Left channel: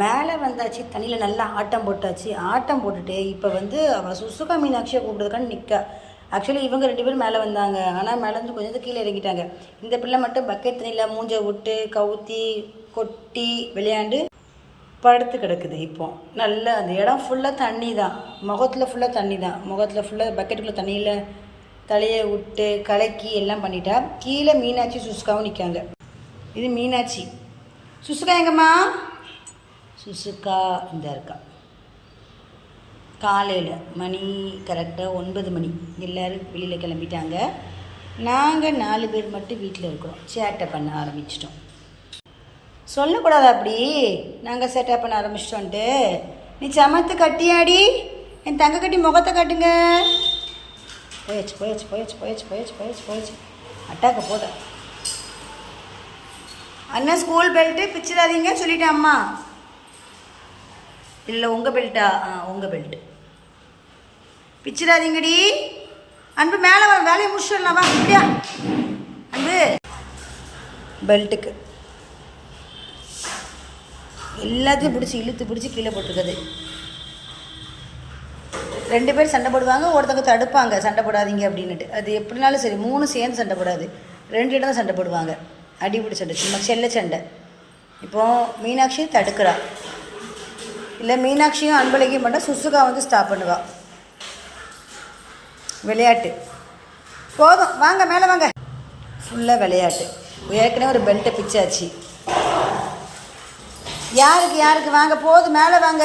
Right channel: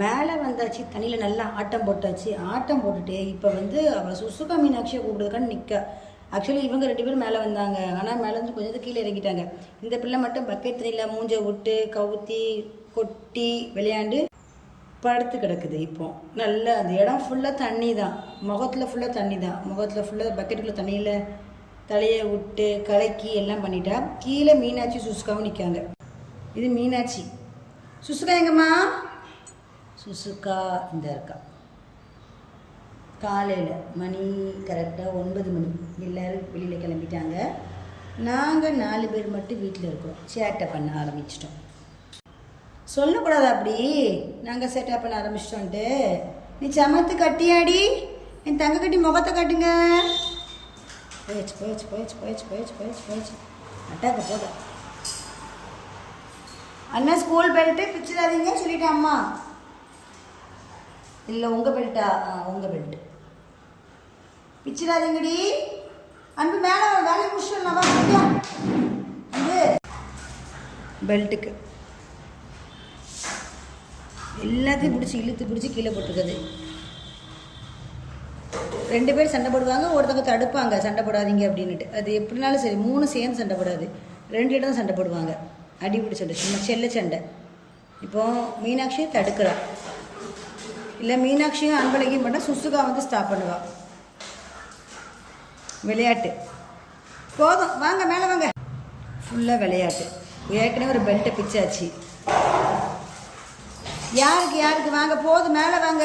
மேலே வந்தாச்சு, தண்ணியில் நல்லா ஆட்டம் போட்டாச்சு. ஆட்டம் போட்டுட்டு இப்போ வந்து அவள் சுசுகா மீனாட்சியை கூப்பிடுறதுக்கான்னு நிற்கா. ஆக்சுவலி இவங்க 2 பேரும் மேலே வந்தாங்க. ஆனால் மேலேருந்து கொஞ்சம் கீழே இறங்கிட்டாங்க. இந்த பிள்ளை மட்டும் பக்கெட் தண்ணியில் மூஞ்சை விட்டு கவுத்தி கொட்டி விளையாண்டு படுத்து கிடக்குது. இப்போ நல்லா அந்த இடம் ஃபுல்லாக தண்ணி தான், முகத்தில் ஃபுல்லாக தண்ணி தான். முகத்தில் ஃபுல்லாக பக்கெட்டுக்குள்ளே தண்ணியில் தலையை விட்டு கலக்கி எல்லாம் பண்ணிட்டா. கீழே மீனாட்சி சுசுகாவும் நிற்காங்க. இது மீனாட்சி. சுசுகா எங்கம்மா? சுசுகா இந்த இருக்கா. காலையில் மணி கரெக்டாக 9 மணி. எல்லோரும் வெளியில் கிளம்பிட்டாங்க. நாங்கள் 4 பேர் மட்டும் வீட்டில் இருக்கிறோம். சேட்டை பண்ண ஆரம்பிச்சிட்டோம். சொல்லக்கூடாது அப்படி, நாங்கள் சேட்டை பண்ண ஆரம்பிச்சிட்டோன்ட்டு. நீ சமத்து கட்டியாடி, என் தங்க கட்டி முகத்தை காட்டுங்க. போயாச்சு போயாச்சு போயாச்சு போயாச்சு போயாச்சு போயாச்சு போயாச்சு. அட்டாக்க போத அண்ணன் ஸ்கூல் பெல்ட்டு பிச்சிடாதீங்க சொல்லிட்டேன் அம்மா. இல்லை உங்கள் பெல்ட்டா? உங்கள் பெல்ட்டு பிச்சிடாதீங்கடி. அன்பு மேலே வேலையை முடிச்சிடலாம் வா. அப்படியா அன்பு? பெல்ட்டுக்கு எல்லாத்தையும் பிடிச்சி இழுத்து பிடிச்சி கீழே போட்டுருக்குது. 2 பேர் சண்டை போடுவாங்க, ஒருத்தவங்க தடுப்பாங்க சண்டை போடாதீங்க அப்படின்னுட்டு. அது எப்படினாலும் சரி 3 சேர்ந்து சண்டை போடாது, 2 இடம் தான் சண்டை போடுவாங்க. அடிபிடி சண்டை, சும்மா செல்ல சண்டை. இப்போது மீனாட்சி தடுக்கிறா. இல்லை மீனாட்சியும் அன்பழகியும் மட்டும் சுசுகா வந்து ஸ்டாப் பண்ணுவா. விளையாட்டு போதும், வாங்க மேலே வாங்க. ஃபுல்லாக விளையாட்டு. ஏற்கனவே ஒரு பெல்ட்டை பிச்சாச்சு. யாருக்கு யாருக்கு? வாங்க போதும், மேலே வாங்க.